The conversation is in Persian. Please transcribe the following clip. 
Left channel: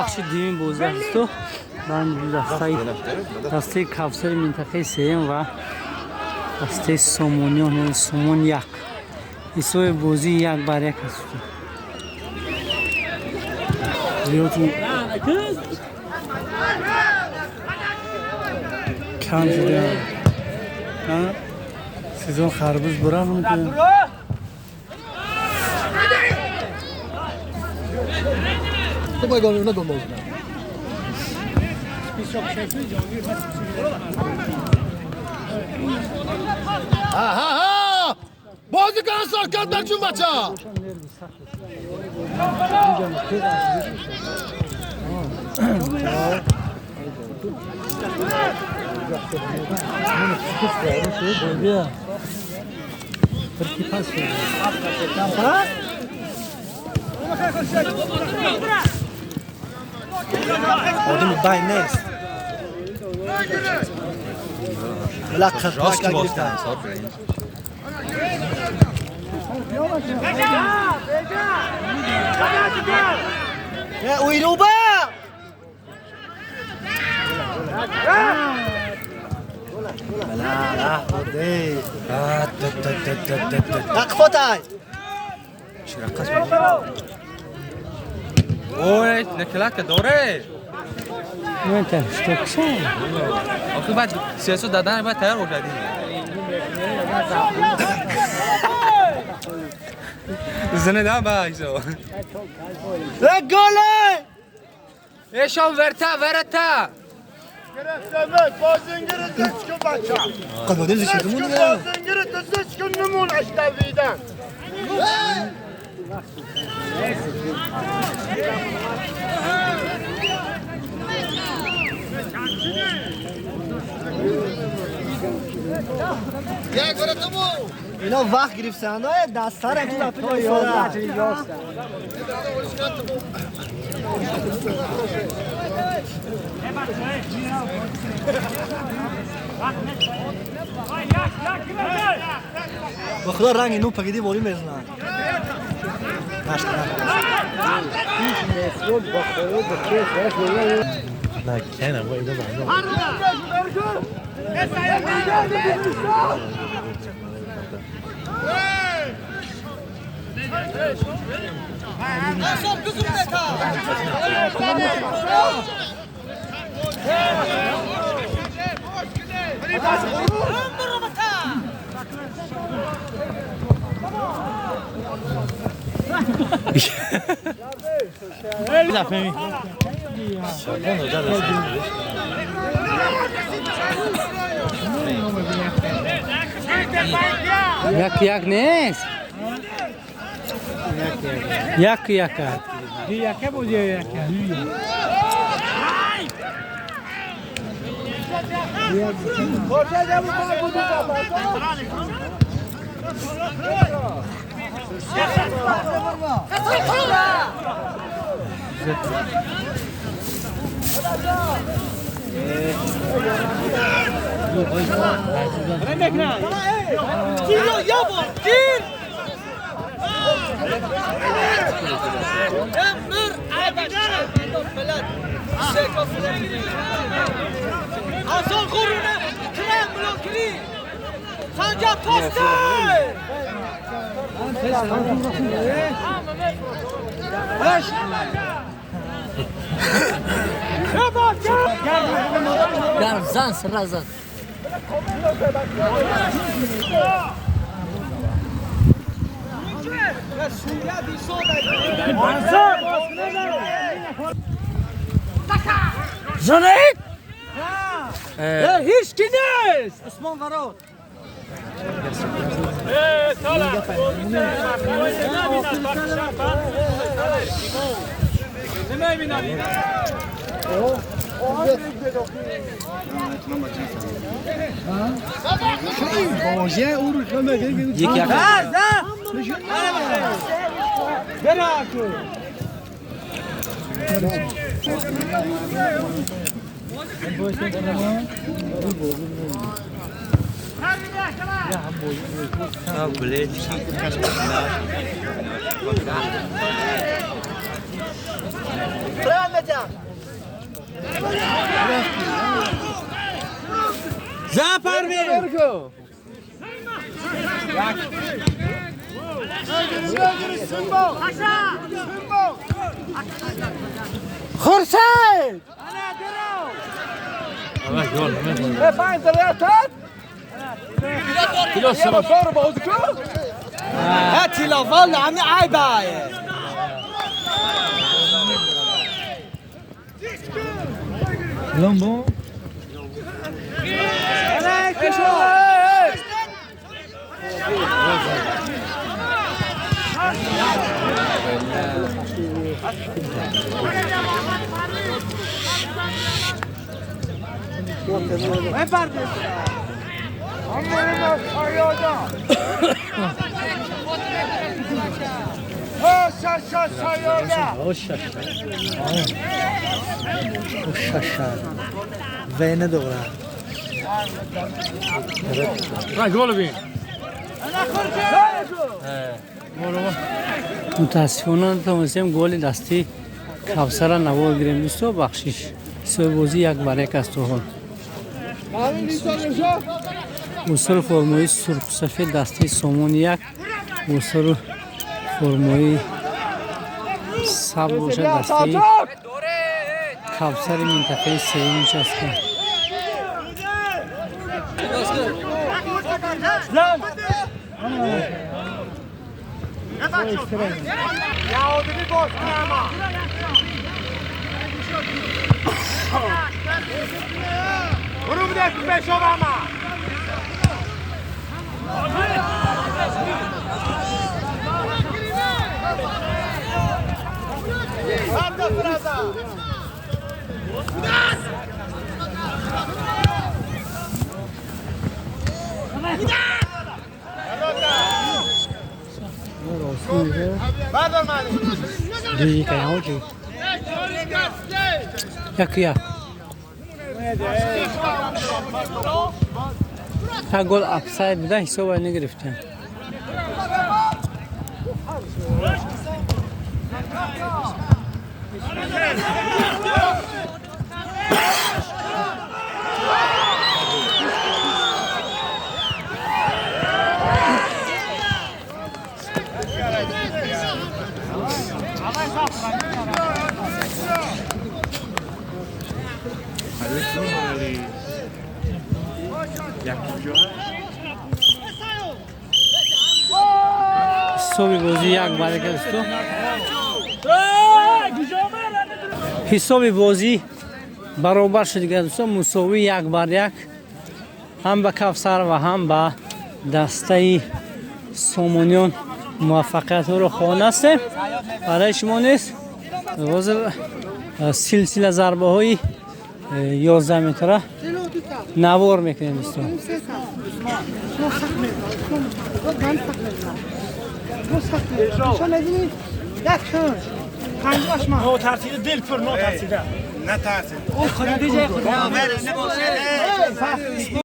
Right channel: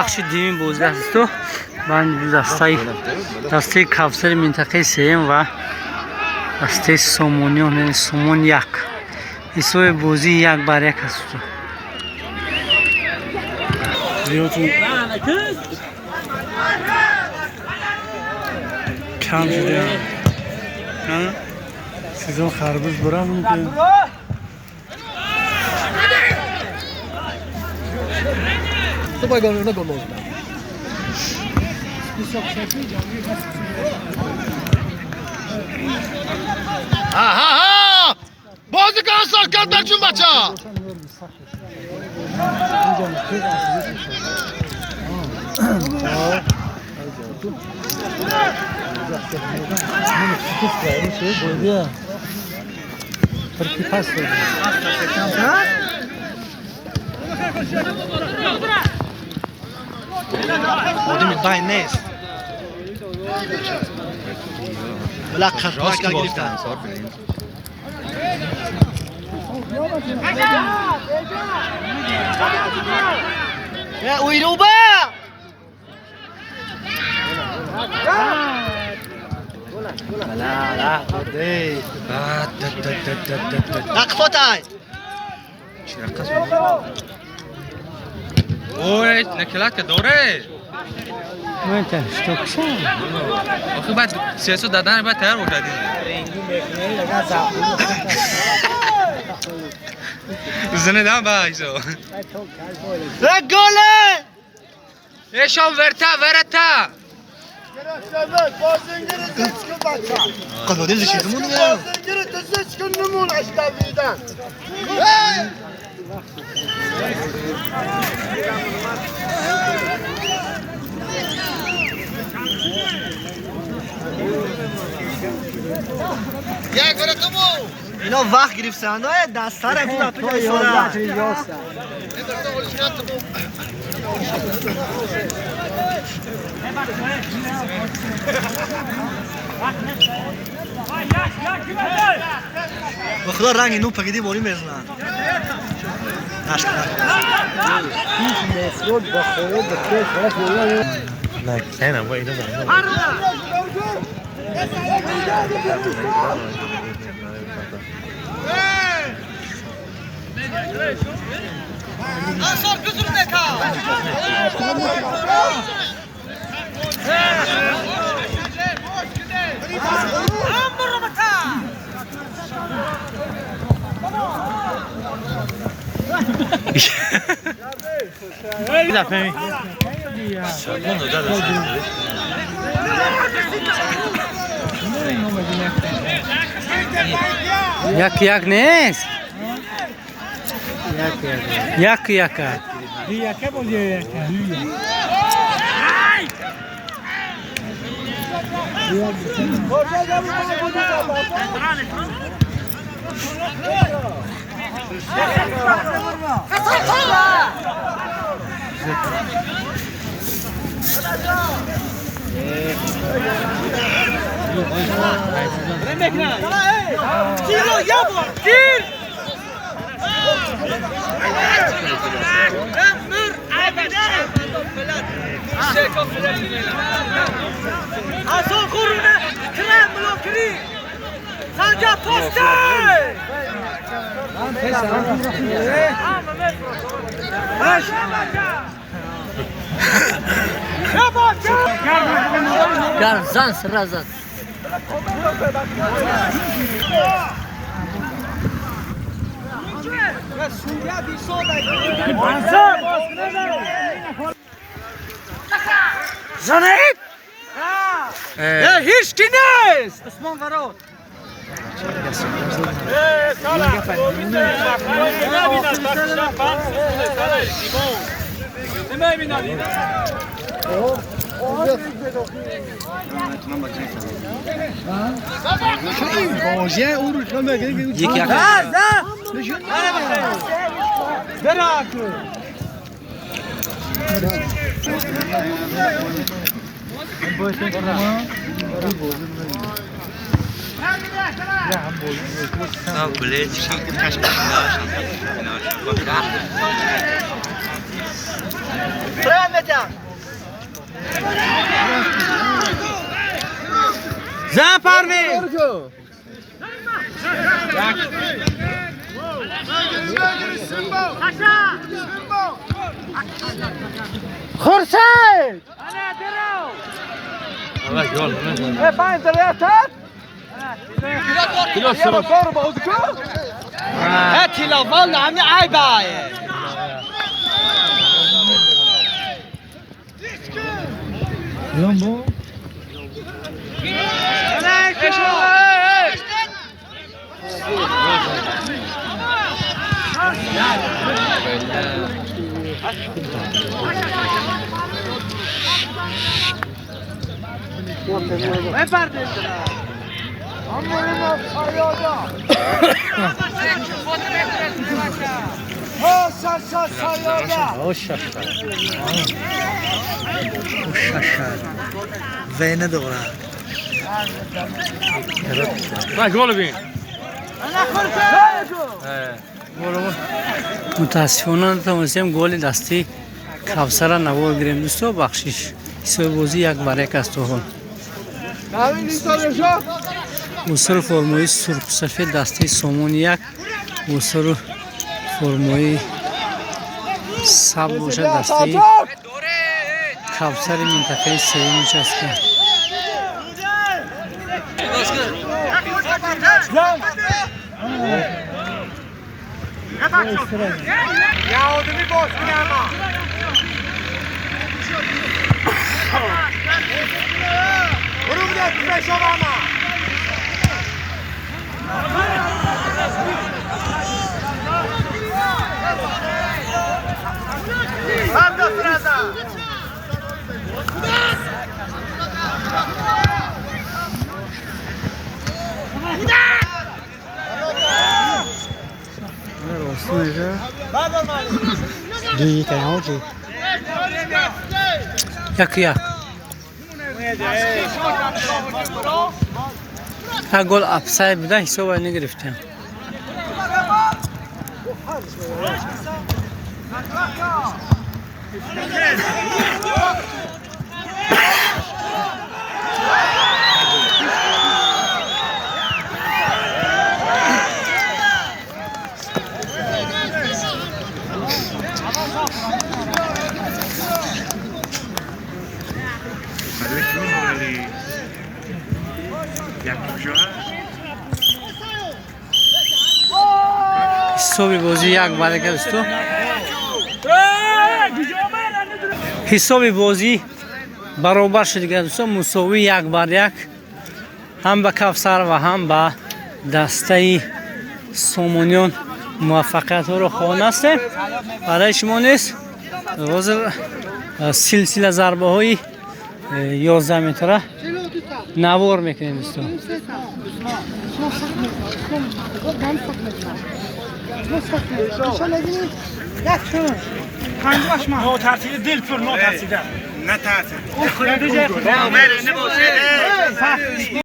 بخش دیمی بوزه است و من دسته کفسر منطقه سیم و دسته سومونی سومون یک ایسوی بوزی یک بر یک است کم شده سیزون خربوز برام که تو باید گونه گونه ها بازی کن سال کرد برچون بچه آدمی بای نیست ولی خطاش که گرفتن اوی روبا نقفوتای اوه نکلات که دوره من تشتکسم آخه بعد سیاست دادن بعد تیار بودی زنه دام بایشو گله ایشان ورتا قبل دل شيء تمون يا اینا وقت گرفتن های دستار هم تو دپه ایساله با خدا رنگ اینو پگیدی بالی میزنن نه با اینا Nasıl kızım beka? یک نیست یک Hülya buluyor Hülya. Asıl kuruna krem blokiri. Sanca tosta. Garzan srazan Janet! Ya hiç kines! Osman Varot. یک Sağ bileti. زن پروین خورشید پنج دریاتت هاتي لافال عمي عيباية لامبو زينة دورة گل بین متاسفانه تونستیم گل دستی کوثر را نگیریم دوستو بخشش حساب بازی یک بر یک است تو وصول فرمایی سرخ سفید دستی سومون یک وصول فرمایی سبز دستی کوثر منطقه سوم است. یک گل افسای بده حساب نگرفتیم. حسابی بازی یک بر یک است. حسابی بازی برابر شد دوستان، مساوی یک بر یک هم به کوثر و هم به دسته سومونیان موفقیت رو خوانسته برای شما نیست. حاضر سلسله ضربه های 11 متره نوار میکنیم دوستان. نو ترسیده دل پر نو ترسیده نه ترسید